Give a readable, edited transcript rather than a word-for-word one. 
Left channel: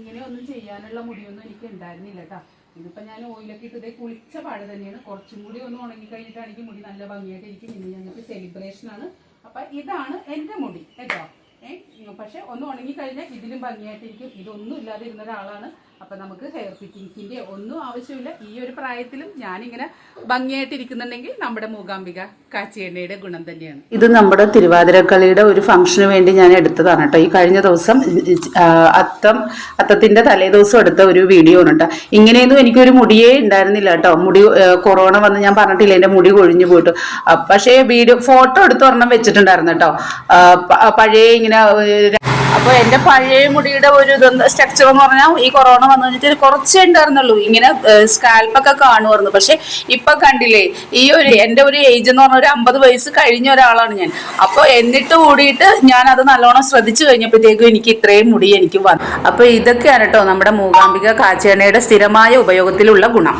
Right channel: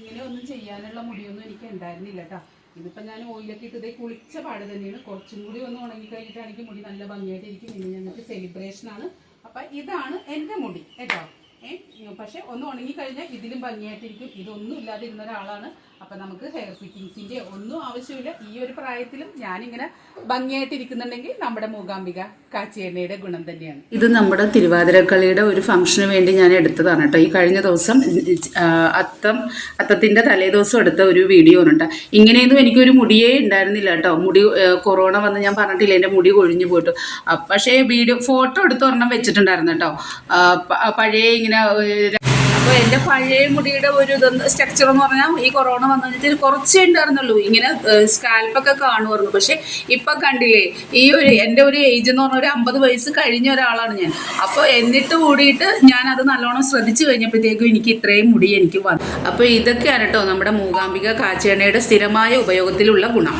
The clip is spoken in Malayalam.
ഇങ്ങനെ ഒന്നും ചെയ്യാനുള്ള മുടിയൊന്നും എനിക്ക് ഉണ്ടായിരുന്നില്ല കേട്ടോ. ഇതിപ്പോൾ ഞാൻ ഓയിലൊക്കെ ഇട്ടതേ കുളിച്ച പാട് തന്നെയാണ്. കുറച്ചും കൂടി ഒന്ന് ഉണങ്ങി കഴിഞ്ഞിട്ടാണെങ്കിൽ മുടി നല്ല ഭംഗിയായിട്ടിരിക്കും. ഇന്ന് ഞങ്ങൾക്ക് സെലിബ്രേഷനാണ്. അപ്പം ഇതാണ് എൻ്റെ മുടി കേട്ടോ. പക്ഷെ ഒന്ന് ഉണങ്ങിക്കഴിഞ്ഞാൽ ഇതിലും ഭംഗിയായിട്ടിരിക്കും. ഇതൊന്നും ഇല്ലാതെ ഇരുന്ന ഒരാളാണ്. അപ്പം നമുക്ക് ഹെയർ ഫിറ്റിങ്സിൻ്റെ ഒന്നും ആവശ്യമില്ല. ഈ ഒരു പ്രായത്തിലും ഞാനിങ്ങനെ ഭംഗിയായിട്ടിരിക്കുന്നുണ്ടെങ്കിൽ നമ്മുടെ മൂകാംബിക കാച്ചിയെണ്ണയുടെ ഗുണം തന്നെയാണ്. ഇത് നമ്മുടെ തിരുവാതിരക്കളിയുടെ ഒരു ഫംഗ്ഷന് വേണ്ടി ഞാൻ എടുത്തതാണ് കേട്ടോ. ഈ കഴിഞ്ഞ ദിവസം അത്തത്തിൻ്റെ തലേ ദിവസം എടുത്ത ഒരു വീഡിയോ ആണ് കേട്ടോ. ഇങ്ങനെയൊന്നും എനിക്കൊരു മുടിയേ ഉണ്ടായിരുന്നില്ല കേട്ടോ. മുടി കൊറോണ വന്ന് ഞാൻ പറഞ്ഞിട്ടില്ല എൻ്റെ മുടി കൊഴിഞ്ഞു പോയിട്ടു. പക്ഷേ ഫോട്ടോ എടുത്ത് ഒരെണ്ണം വെച്ചിട്ടുണ്ടായിരുന്നു കേട്ടോ. പഴയ ഇങ്ങനെ അപ്പോൾ എൻ്റെ പഴയ മുടിയുടെ ഒരു സ്ട്രക്ചർ എന്ന് പറഞ്ഞാൽ ഈ കൊറോണ വന്നു കഴിഞ്ഞിട്ട് കുറച്ചേ ഉണ്ടായിരുന്നുള്ളൂ. ഇങ്ങനെ സ്കാൽപ്പൊക്കെ കാണുമായിരുന്നു. പക്ഷെ ഇപ്പം കണ്ടില്ലേ, ഈ ഒരു എൻ്റെ ഒരു ഏജ് എന്ന് പറഞ്ഞാൽ ഒരു 50 വയസ്സ് കഴിഞ്ഞ ഒരാളാണ് ഞാൻ. അപ്പോൾ എന്നിട്ട് കൂടിയിട്ട് ഞാൻ അത് നല്ലോണം ശ്രദ്ധിച്ചു കഴിഞ്ഞപ്പോഴത്തേക്കും എനിക്ക് ഇത്രയും മുടി എനിക്ക് വന്നു. അപ്പോൾ ഇതൊക്കെയാണ് കേട്ടോ നമ്മുടെ മൂകാംബിക കാച്ചിയെണ്ണയുടെ സ്ഥിരമായ ഉപയോഗത്തിലുള്ള ഗുണം.